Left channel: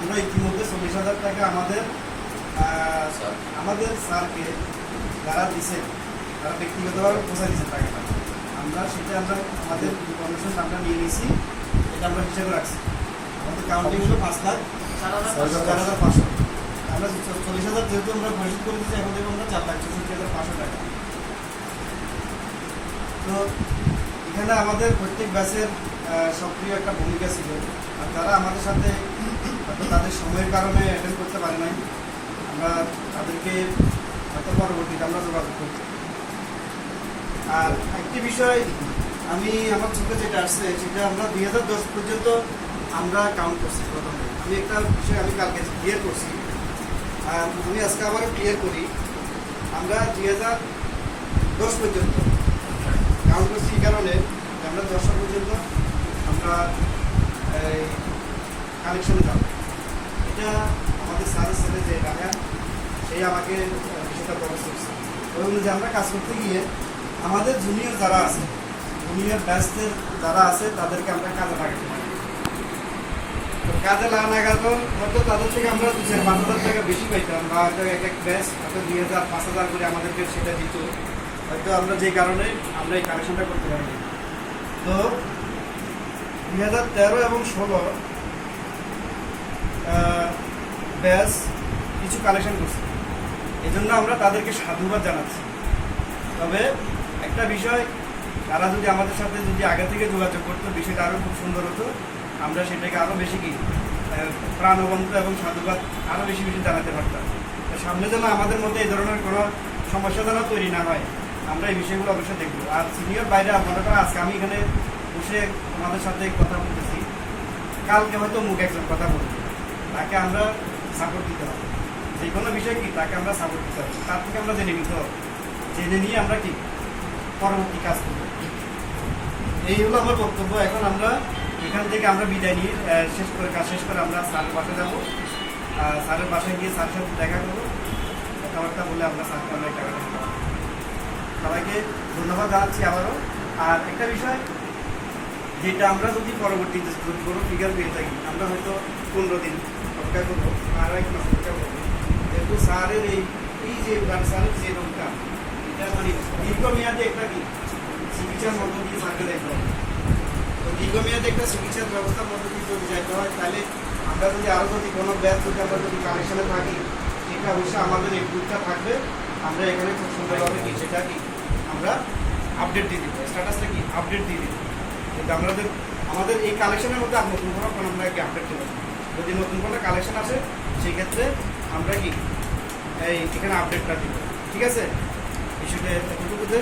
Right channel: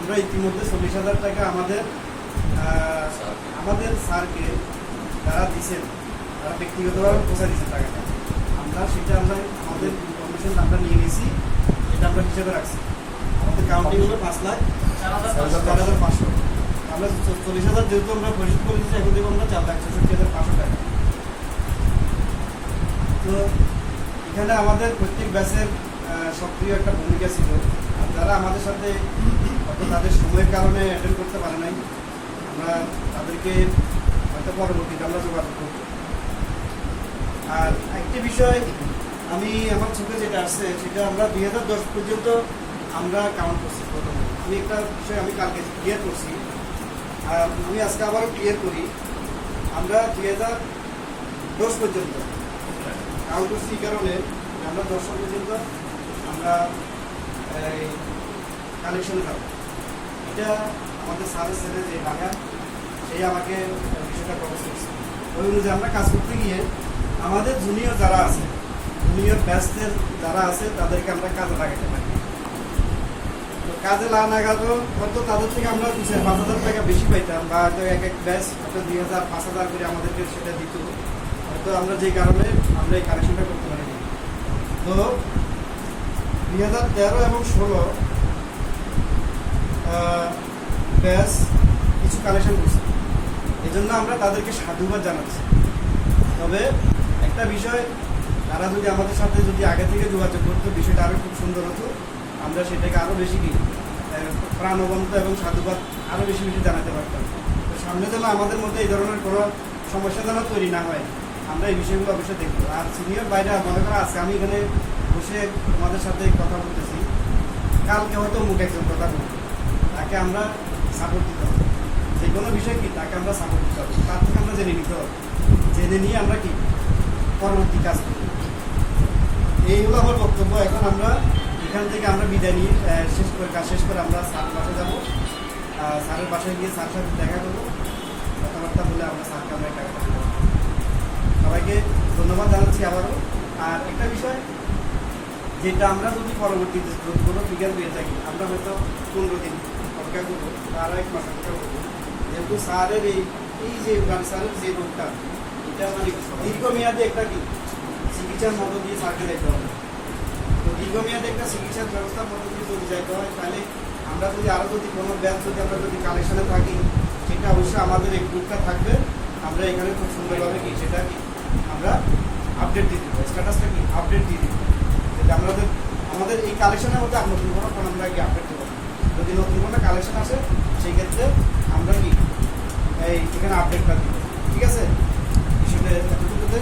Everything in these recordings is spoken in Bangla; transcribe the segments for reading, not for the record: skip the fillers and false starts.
আমরা ইতিমধ্যে 40,000 টাকা আমাদের স্যারকে যারা দিচ্ছেন তারা ব্যক্তিগতভাবে পৌঁছা দিচ্ছেন টাকাটা। আমরা আমাদের ইনফরমেশন আমরা নিয়ে নিয়েছি, এটা আমরা হিসেবে রাখছি। আমাদের কাউন্টিং হলো 5,04,500। আমরা 40,000 যেহেতু আমরা পরিশোধ করে দিচ্ছি, এখন দেবো আমরা 4,64,500 টাকা। তো এখানে আমাদের প্রত্যেক ব্যাচের সক্রিয় একটা ভূমিকা ছিল, আর যারা আমাদের সাথে তাদের সময়ের কারণে অ্যাটেন্ড করতে পারে নাই, আমরা তাদেরকে হয়তো পরবর্তীতে আমরা যোগাযোগ করব। আর একটি বিষয় আমি আমার চোখে যেটা আসছে, সেটা আমরা 2010 পর্যন্ত আমরা কাউন্ট করছি। প্রথমে আমি একটা বিষয় আমি কালকে ক্লিয়ার করছি, আমি আজকে আবারও ক্লিয়ার করি। আমরা 2010 পর্যন্ত কাউন্ট করছি এই কারণে আমরা 10 সাল পর্যন্ত আমরা এই কালেকশনে যাব। এটা আমাদের স্যারের ছেলে যে রাহান, সেই আমাকে বিষয়টা প্রকাশ করছে। ওই অনুযায়ী আমরা কাজ করতে গিয়ে আমাদের জুনিয়র যারা আছে, জুনিয়র ব্যাচদের যারা আছে, তাদেরকে আমরা কাজে লাগাতে পারি। তো কাজে লাগানো হয়তো তাদের থেকে আমরা 2,000-5,000 টাকা বেশি পাইতাম, বা হয়তো এক এক ব্যাচ হয়তো 2,000-5,000 করে আমাদেরকে সেটা দিত। হয়তো আমরা যে কারণে আমরা এই কালেকশনটা করতে পারিনি। তো 2013 এবং 16 ব্যাচ কিছু কালেকশন করছি, এই জন্য আমরা তাদেরকে সাধুবাদ জানাচ্ছি। তবে একটা বিষয়, তারা যদি আমাদের সাথে যদি আগে থেকে যোগাযোগ করতো, বিষয়টা আরও খুব সুন্দর হতো। আমরা সেটাকে আরও বেশি প্রাণবন্ত এবং সাধুবাদ আরও বেশি জানাতে পারতাম। তো সামনে যেন আমাদের মধ্যে এই ধরনের কোনো সমস্যা যেন তৈরি না হয়, আমরা এই বিষয়গুলো অবশ্যই দেখবো। আর সিনিয়র বাইরে মনে করা, আজকে আমি এখানে বসে তোমাদের সাথে কথা বলতেছি, কালকে হয়তো মুখ একজন কথা বলবো, তাকে আমরা সাপোর্ট দিতে হবে। যে কোনো বিষয় কি, তাকে আমরা সাপোর্ট দিতে হবে, তার থেকে আমরা জেনে নিতে হবে, জেনে নিয়ে আমরা কি পরবর্তী কাজ করবো। এই হলো আমার বক্তব্য। এখন আমরা এখান থেকে আমরা বিদায় নিয়ে কাজ শেষ করে আমরা স্যারের বাসায় যাবো। স্যারের বাসায় গিয়ে স্যারের সাথে দেখা করবো, কথাবার্তা বলে আমরা স্যারকে আমরা এই টাকাটা দেবো। সবাইকে ধন্যবাদ জানাচ্ছি আবারও। আর একটা বিষয়, যেটা আমরা যদি পরবর্তীতে যদি কোনো ফিগার পেয়ে থাকি, আমরা হয়তো 15 দিন অপেক্ষা করবো বা আরও 1 মাস অপেক্ষা করবো। যেহেতু স্যারের এই যে স্যারের যে রোগটা, এটা দীর্ঘমেয়াদী একটা কি চিকিৎসার মধ্য দিয়ে স্যারকে যাইতে হবে। তো দীর্ঘমেয়াদী একটা চিকিৎসার ব্যবস্থার মধ্য দিয়ে যদি যাইতে হয়, তাহলে আমরা যদি আরও যদি কোনো ব্যাচ যদি আমরা যদি কালেকশনে থাকি, সেটা অবশ্যই আমাদের এই গ্রুপটা থাকবে। আমরা এখানে খুব সুন্দরভাবে কি সেটা কি আমরা আপডেট দিয়ে দিব, স্ট্যাটাসটা কি আপডেট দিয়ে দিব। যেটা আমাদের এই কালেকশনের মধ্যে আর নতুন কোনো আমরা কি আপডেট দেবো না। যদি নতুন কোনো কালেকশন আসে, সেই ক্ষেত্রে আমরা কি এখানে আপডেটটা দিব। ঠিক আছে, বিষয়টা এতটুকুতে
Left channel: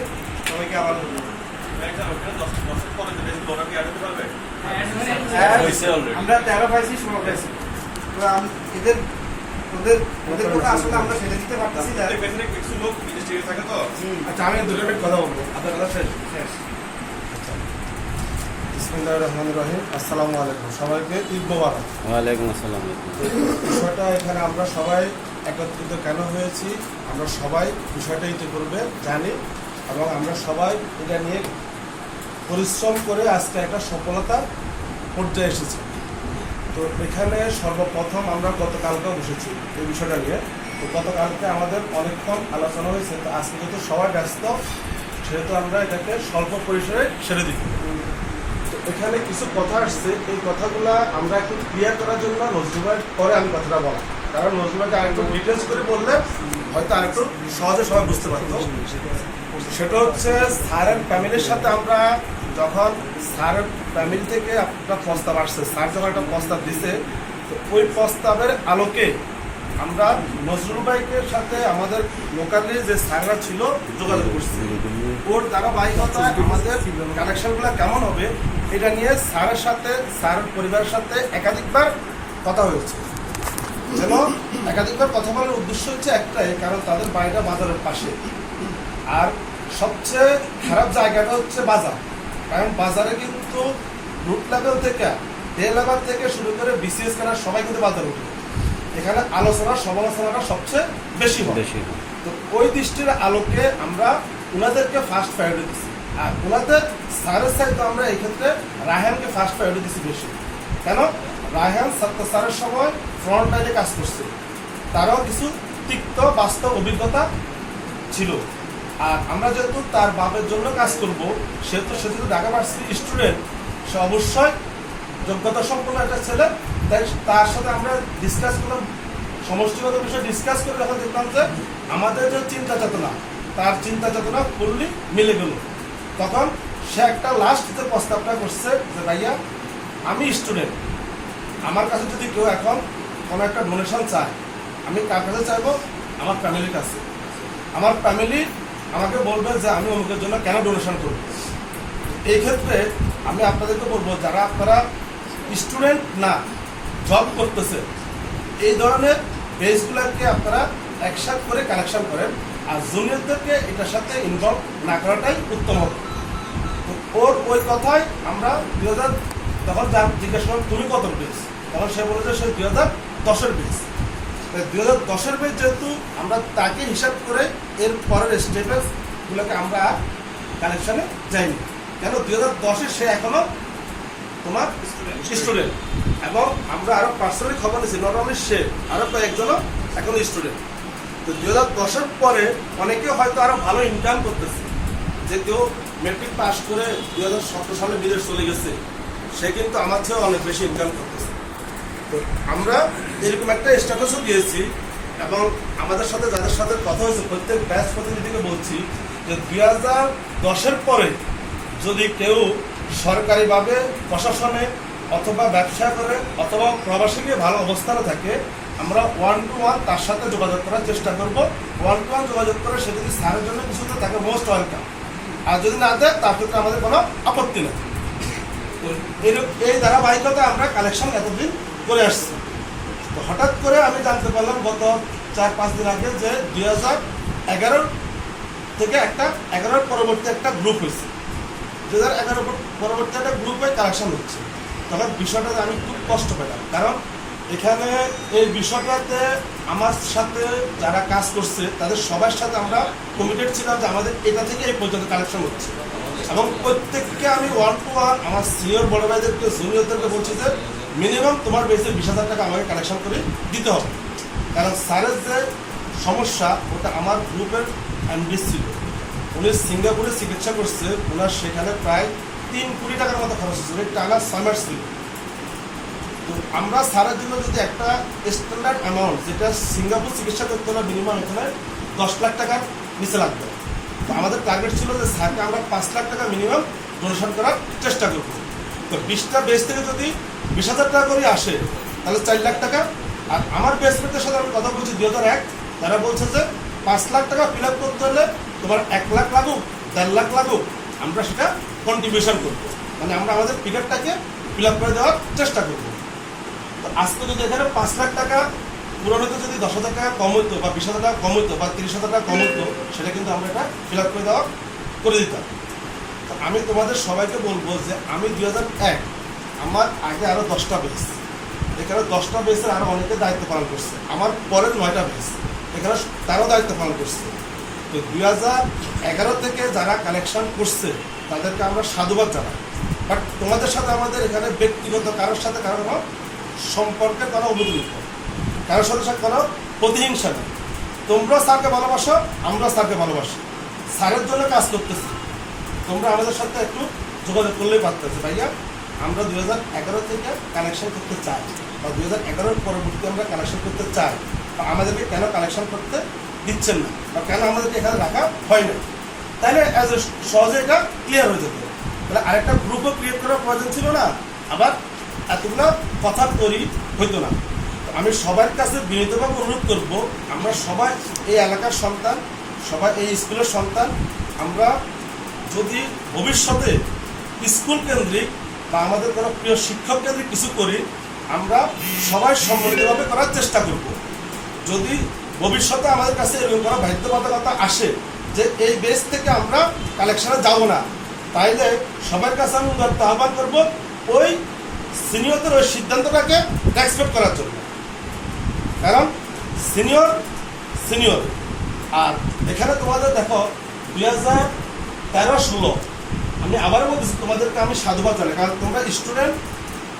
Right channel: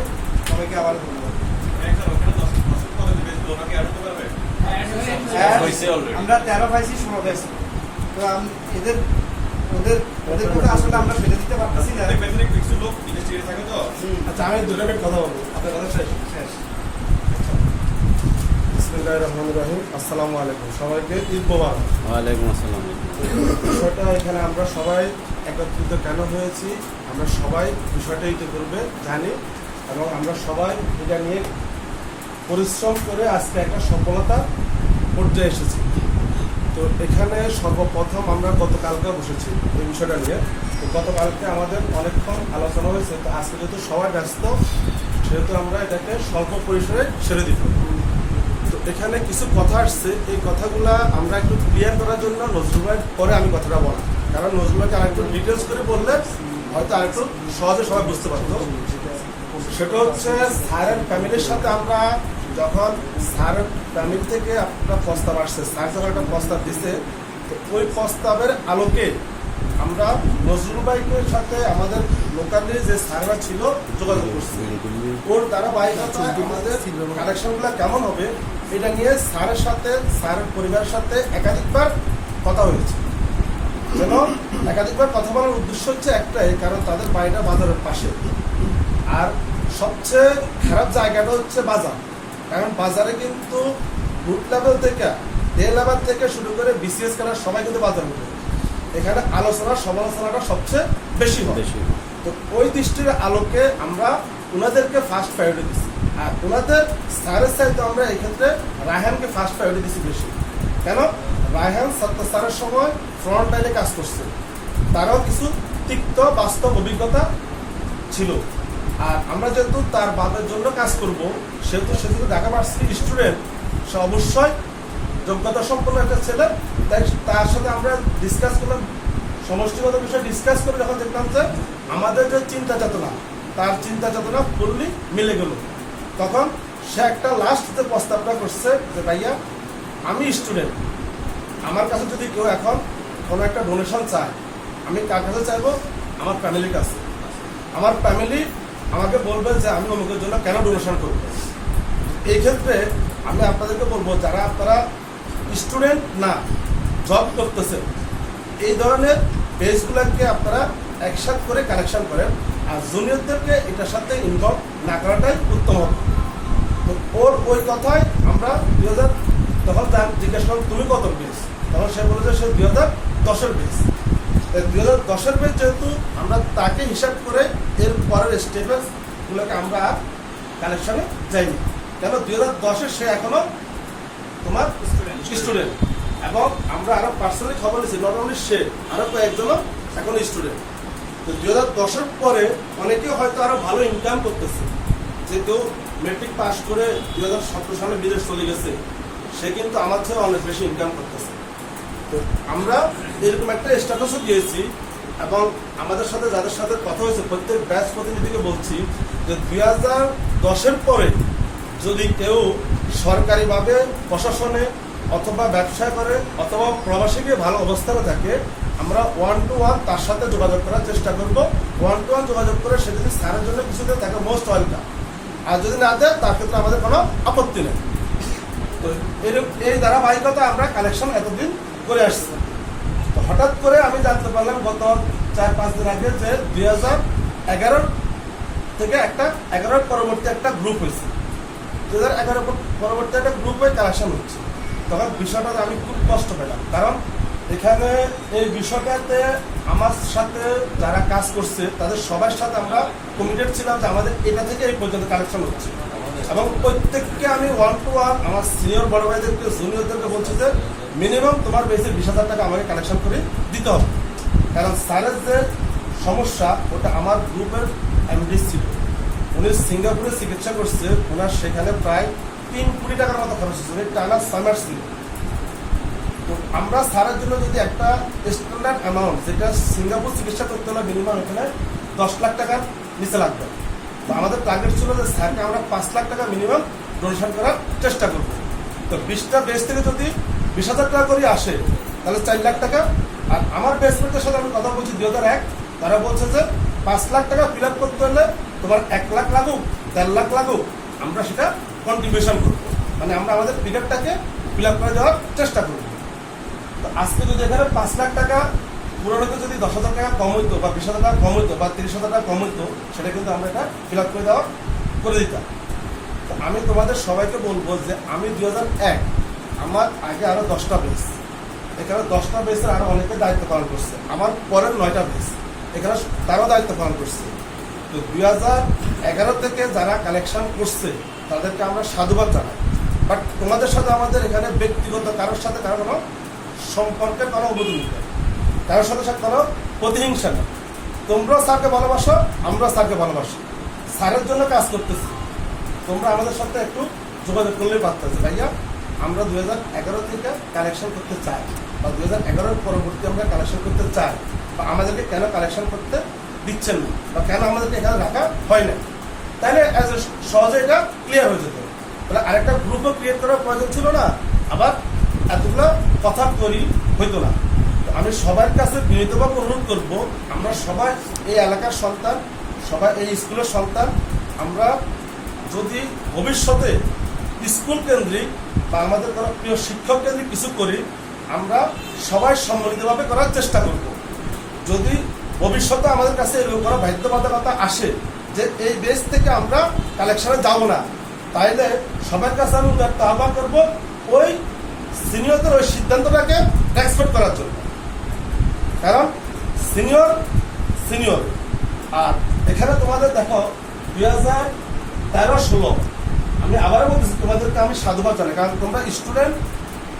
সবাইকে আবার ধন্যবাদ। আমরা 13 পাইছি, 16 পাইছি। তো ওদের কথা আসলে আমরা সেটা দিতে পারতেছি না। কিছু লোক বিদেশে থাকে তো। আচ্ছা, আমি 2 মিনিট কথা বলবো, আপনার কথা শেষ। আচ্ছা, বিসমিল্লাহির রহমানির রহিম। আসসালামু আলাইকুম, সবাইকে ঈদ মোবারক। ওয়ালাইকুম আসসালাম। বিষয়টা এখানে আমরা সবাই একত্রিত কেন হয়েছি, আমরা সবাই বিষয়টা ইতিপূর্বে জানি এবং আমরা সবাই এটা নিয়ে পরিশ্রম করে আজকে একটা সফলতা পর্যায়ে এসেছি। তো এখানে সর্বপ্রথম আমরা গতকালকে বসেছি এই বিষয়টা নিয়ে। তো গতকালকে আমাদের অনেকক্ষণ আলোচনা হয়েছে। তো আজকে যেহেতু সবাই ব্যস্ত, সেহেতু আমরা এটাকে স্বল্প পরিসরে সেরে দিই। তো এখানে কিছু কথা আসছে, এই কথাগুলা আমরা একটু ক্লিয়ার করার জন্য নজরুল ভাই পরে আমি কথাটা বলা, কারণ নজরুল ভাইকে আরেকটু ডিটেলস করে বললে হয়তো আরেকটু সহজে সবাই বুঝতে পারতো। সেটা হচ্ছে, স্যারের ফ্যামিলির সাথে আমরা যখন স্যারের ফ্যামিলি থেকে একটা প্রস্তাব আসছে, স্যার যখন একটা প্রস্তাব দিছে, তো ওই প্রস্তাবের আলোকে আমরা নজরুল ভাইয়ের সাথে আমাদের লোকালি যে স্যাররা ছিল যোগাযোগ করছি। ওর ধারাবাহিকতায় আমাদের কালেকশনগুলো কেমন হবে এটা নিয়ে স্যারের সাথে, স্যারের পরিবারের সাথে একাধিকবার কথা হয়েছে। যেন একাধিকবার কথা বলার উদ্দেশ্য হচ্ছে একটাই, কারণ তাদের বাড়িটা বাজারের পাশে। আর সবচেয়ে খারাপ জায়গাটা হচ্ছে বাজার, কারণ বাজারে কিন্তু রুট লেভেল থেকে ডে লেভেল থেকে শুরু করে বিসিএস খেলার সবাই কিন্তু বাজারে উঠে। এখানে আলোচনা সমালোচনাটা সবচেয়ে বেশি হয়। তো ওই দৃষ্টির আলোকে আমরা ওনাদেরকে ফার্স্ট প্রায়োরিটি দিচ্ছি। আর ওনাদের স্যারের চাইতে আমরা এই ক্ষেত্রে রায়হানকে ফার্স্ট প্রায়োরিটি দিচ্ছি বেশি। কেন? রায়হান ছাত্র স্যারের সময় ফ্রন্ট লাইনে কাজ করছে, তারও কিছু তিক্ত বাস্তব অভিজ্ঞতা ছিল। আর আমরা যেহেতু তার বাবার জন্য কাজ করব, সেহেতু সে যেহেতু ঢাকা ভার্সিটির স্টুডেন্ট, সে অবশ্যই যোগ্যতা সম্পন্ন একটা ছেলে। তাই তার সাথে আমরা ডিসকাস করলাম, সমষ্টিগত বিষয় ডিসকাস করে যখন দেখলাম যে আমাদের যে চিন্তা চেতনা, তার চিন্তা চেতনা ফুললি মিলে গেল, তখন সে একটা লাস্ট যে প্রস্তাবটা করছে যে ভাইয়া আমি স্টুডেন্ট, আমার কাছে যদি কেউ এখন কোনো একটা ডোনেশন চায়, আমি কার কাছে চাইবো? আমার ফ্যামিলির কাছে। আমার ফ্যামিলি আমাকে বলবে যে আমি অমুকের জন্য কেন ডোনেশন করবো। এই ক্ষেত্রে আমি আপনাদেরকে বলবো, যারা আপনারা স্টুডেন্ট না, জব করতেছে, এই ধরনের পেজগুলোকে আপনারা একসাথে করে কালেকশন করেন, আর জুনিয়রদেরকে এটার সাথে ইনভলভ না করাটাই উত্তম হবে। ওর ওই কথায় আমরা 2000 তখন জিজ্ঞাসা করলাম তুমি কত বেস, তখন সে বলে যে সে 2010-এর বেস। 2010-এর বেস যেহেতু আমরা তাকে হিসাব করে এর পরের স্টেপেস গুলোকে আমরা কালেকশনে যাইনি, কেন 2010-এ সে এখনো তোমার স্টুডেন্ট, এবং আমরা আরো পার্সোনালি খবর নিয়েছি, নট অনলি সে, আরো কয়েকজনও এখনো স্টুডেন্ট। তো 2010-এর পরে অনেকে হয়তো আরো ভালো ইনকাম করতেছে, যে কেউ মেট্রিক পাস করে 2017 সালে বিদেশ চলে গেছে, সে কিন্তু আমার চেয়ে অনেক বেশি ইনকাম করতেছে। তো আমরা এরকম একটা স্ট্যাটাসও দিয়েছি, এবং আমাদের সাথে যাদের সাথে কথা হয়েছে প্রত্যেক ব্যাচ প্রতিনিধিকে বলছি যে 2010-এর পরে যদি কেউ সরকারিভাবে প্রশাসনে অথবা ব্যবসা করে অথবা প্রবাসীকে ভালো অবস্থানে থাকে, আমরা 1-to-1 তার সাথে যোগাযোগ করার চেষ্টা করব। 1-to-1 যোগাযোগ করে সে যদি স্যারের জন্য কিছু দেয় তাকে মোস্ট ওয়েলকাম, আর যদি না দেয় তার ক্ষেত্রে আমাদের কোনো আপত্তি নেই। তো এই ধারাবাহিকতা আমরা কালেকশন এতদিন করে আসছি। তো হঠাৎ করে আমি জানতে পারলাম গত 4-5 দিন আগে যে 2011 থেকে একটা 11 পরবর্তী একটা গ্রুপ হয়েছে, 2011 পরবর্তী একটা গ্রুপ হয়ে কালেকশন হচ্ছে। তখন বিষয়টাতে আমি খুব কষ্ট পেলাম, কারণ এখানে এই বিষয়টাতে আমার সাথে যারা কাজ করছে তাদের সবার সাথে আমরা কমিটেড ছিলাম যে আমাদের এটা থেকে এই পর্যন্ত কালেকশন হচ্ছে, এবং প্রত্যেককে আমি 1-to-1 আমার সিনিয়র বড় ভাইদেরকে জুনিয়রদেরকে বলছি যে মিনিমাম তোমার বেসে 20,000 টাকা আমাকে কালেকশন করে দিতে হবে। কারণ স্যারের যে সমস্যা ওটা আমার গ্রুপের এমডি ছিল, উনি সিঙ্গাপুরে চিকিৎসা করছে, ওনার সেখানে প্রায় 3 কোটি টাকার মতো খরচ হচ্ছে, টানা সামার ছিল। তো আমরা স্যারের জন্য যদি একটা স্ট্যান্ডার্ড অ্যামাউন্ট, যেটা সিঙ্গাপুর চিকিৎসা করতে হলে মিনিমাম এখানে 10 লাখ টাকার নিচে লাগবে, তো আমাদের টার্গেট ছিল যে স্যারকে আমরা 5 লাখ টাকা মিনিমাম ডোনেশন করার চেষ্টা করব। তো 20টা বেস থেকে যদি 20,000 টাকা করে আসে তাহলে 4 লাখ টাকা। আর আমার বেসমেন্টের সাথে আমি কথা বলছি 2001, তারা বলছে যে 5 লাখ টাকা ফিল আপ করতে হলে তোমার 1 লাখ লাগুক 1.5 লাখ লাগুক, আমরা সেটা কন্ট্রিবিউশন করবো, মানে আমরা আমাদের ফিগারটাকে ফিল আপ করে দেওয়ার চেষ্টা করবো। তো আজকে যদি এখানে 5 লাখ টাকা পুরনো হতো, যদি 10,000 টাকা কম হইতো বা 20,000 টাকা কম হইতো বা 30,000 টাকা কম হইতো, সেটা কিন্তু আমরা এটা ফিল আপ করে দিতাম। তো আমি তোমাদের সবাইকে বলবো যে আমি 2001, আমার আগে আরো 10টা বেস, এখানে 10টা বেসের আরো অনেকে দায়িত্ব পালন করছে, আমার পরের 9টা বেস এখানে তারও দায়িত্ব পালন করছে। তো 2011 থেকে যারা কালেকশন করছে তাদেরকে আমরা সাধুবাদ জানাই, বাট তোমাদের সাথে আমাদের এখানে ব্যক্তিগত কারোর সাথে কারো কোনো সম্পর্কের কোনো অবধি নেই, কারোর সাথে কোনো প্রতিহিংসা নেই। তোমরা স্যারকে ভালোবাসো, আমরা স্যারকে ভালোবাসি, স্যারের জন্য কাজ করতেছি। তোমরা আমাদের সাথে একটু যোগাযোগ করলেই পারতেছে, ভাইয়া আমরা 2011 থেকে কালেকশন করতে চাই, বা 2011 পরবর্তী আমরা কালেকশন করতে চাই, বা আমাদেরকে কেন কালেকশন করতে দিচ্ছেন না, বা কেন আমাদেরকে এখানে রাখা হয় না, তাহলে সহজে এটা ক্লিয়ার হয়ে যেত। তাহলে আরেকটা গ্রুপও ক্রিয়েট করার প্রয়োজন ছিল না, আবার এতগুলো কথা তৈরি হইতো না। আমি সবার কাছে বিনীতভাবে অনুরোধ করব, আমরা সবাই এই এলাকার সন্তান, সবাই এই স্কুলের সন্তান, আমরা যদি ভবিষ্যতে স্কুল কেন্দ্রিক বা আমাদের কোনো প্রিয় শিক্ষক কেন্দ্রিক কিছু করি, আমরা সবাই সম্মিলিতভাবে করার চেষ্টা করব। যদি ভবিষ্যতে আমাদের কাছে এরকম কোনো বাধ্যবাধকতা আসে যে এই বেস থেকে আমরা কালেকশনে যাব না, তাইলে সবার কাছে আমি উদারতা আহ্বান করবো ওই সিনিয়রদের ওই সিদ্ধান্তটাকে রেসপেক্ট করার জন্য, কারণ সিনিয়র। আর এখানে তোমাদের দেখো 2013-16 আমি আবারও বলতেছি, তোমাদেরকে আমি সাধুবাদ জানাই, কারণ তোমরা স্টুডেন্ট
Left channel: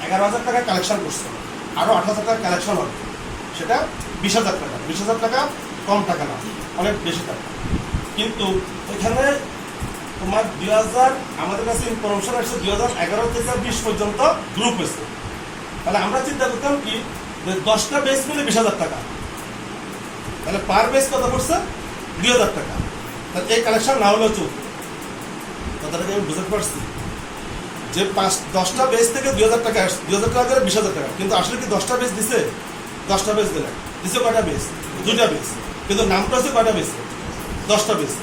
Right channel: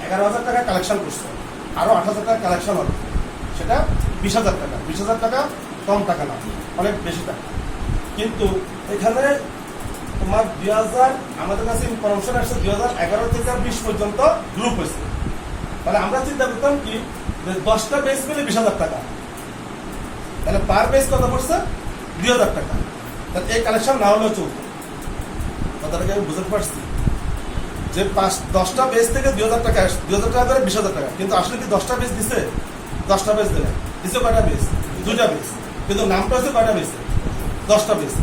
11,000 টাকা কালেকশন করছো। আরো 8,000 টাকা কালেকশন হবে, সেটা 20,000 টাকা। 20,000 টাকা কম টাকা না, অনেক বেশি টাকা। কিন্তু এখানে তোমার 2000 আমাদের কাছে ইনফরমেশন আসছে 2011 থেকে 20 পর্যন্ত গ্রুপ হয়েছে। তাহলে আমরা চিন্তা করতাম কি যে 10টা বেস মিলে 20,000 টাকা, তাহলে পার বেস কত পড়ছে 2,000 টাকা। তাহলে এই কালেকশন না হলেও চলবে। কথাটাকে আমি বুঝতে পারছি যে 10টা বেস থেকে 2,000 টাকা আসছে, 2,000 টাকা ধরে 20,000 টাকা। কিন্তু আসলে কি 10টা বেস দিছে? 10টা বেস দিলে দিছে কয়টা বেস? 2টা বেস। কিন্তু নামটা হচ্ছে কয়টা বেস? 10টা বেস।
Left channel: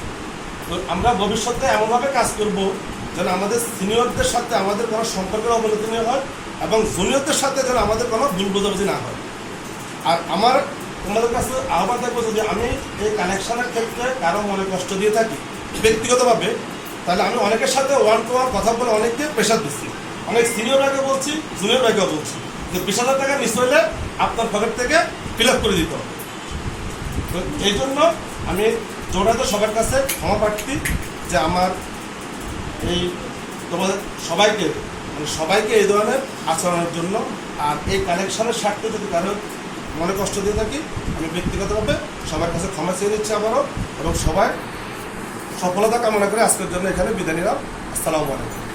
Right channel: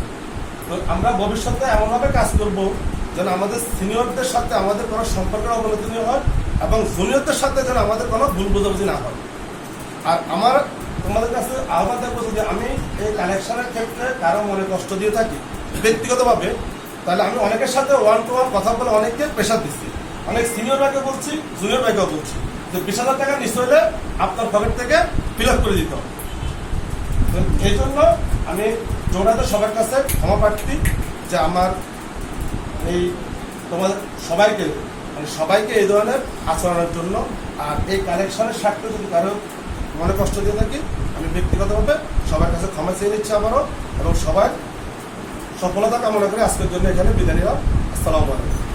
তো আমরা ভবিষ্যতে এমনভাবে কাজ করব যেন আমাদের সিনিয়রদের সাথে আমাদের কোনো সম্পর্কের অবনতি না হয় এবং জুনিয়রদের সাথে যেন আমাদের কোনো ভুল বোঝাবুঝি না হয়। আর আমার তোমাদের কাছে আহ্বান থাকবো, যদি আমি এই কালেকশনের ক্ষেত্রে কারো মনে কষ্ট দিয়ে থাকি ব্যক্তিগতভাবে, তাহলে আমি অনেকের সাথে ওয়ান টু ওয়ান কথা বলে অনেককে প্রেশার দিচ্ছি, অনেক সিনিয়র ভাইকে বলছি, জুনিয়র ভাইকেও বলছি যে 20,000 টাকা নিচে হলে আপনার পকেট থেকে ফিল আপ করে দিতে হবে। তো এই জন্য আমি জোড়াতে সবার কাছে ক্ষমা প্রার্থী যে আমার এই তোমাদের সবাইকে সবাইকে এই ধরনের আচরণের জন্য। আর এই কালেকশনের স্বার্থে যদি কারো মনে কষ্ট দিয়ে থাকি, আমি ব্যক্তিগতভাবে সবার কাছে ক্ষমা চেয়ে নিচ্ছি আবারও, এবং সবাই সফলতা কামনা করে আজকের জন্য এখানে বিদায় নিলাম। আসসালামু আলাইকুম।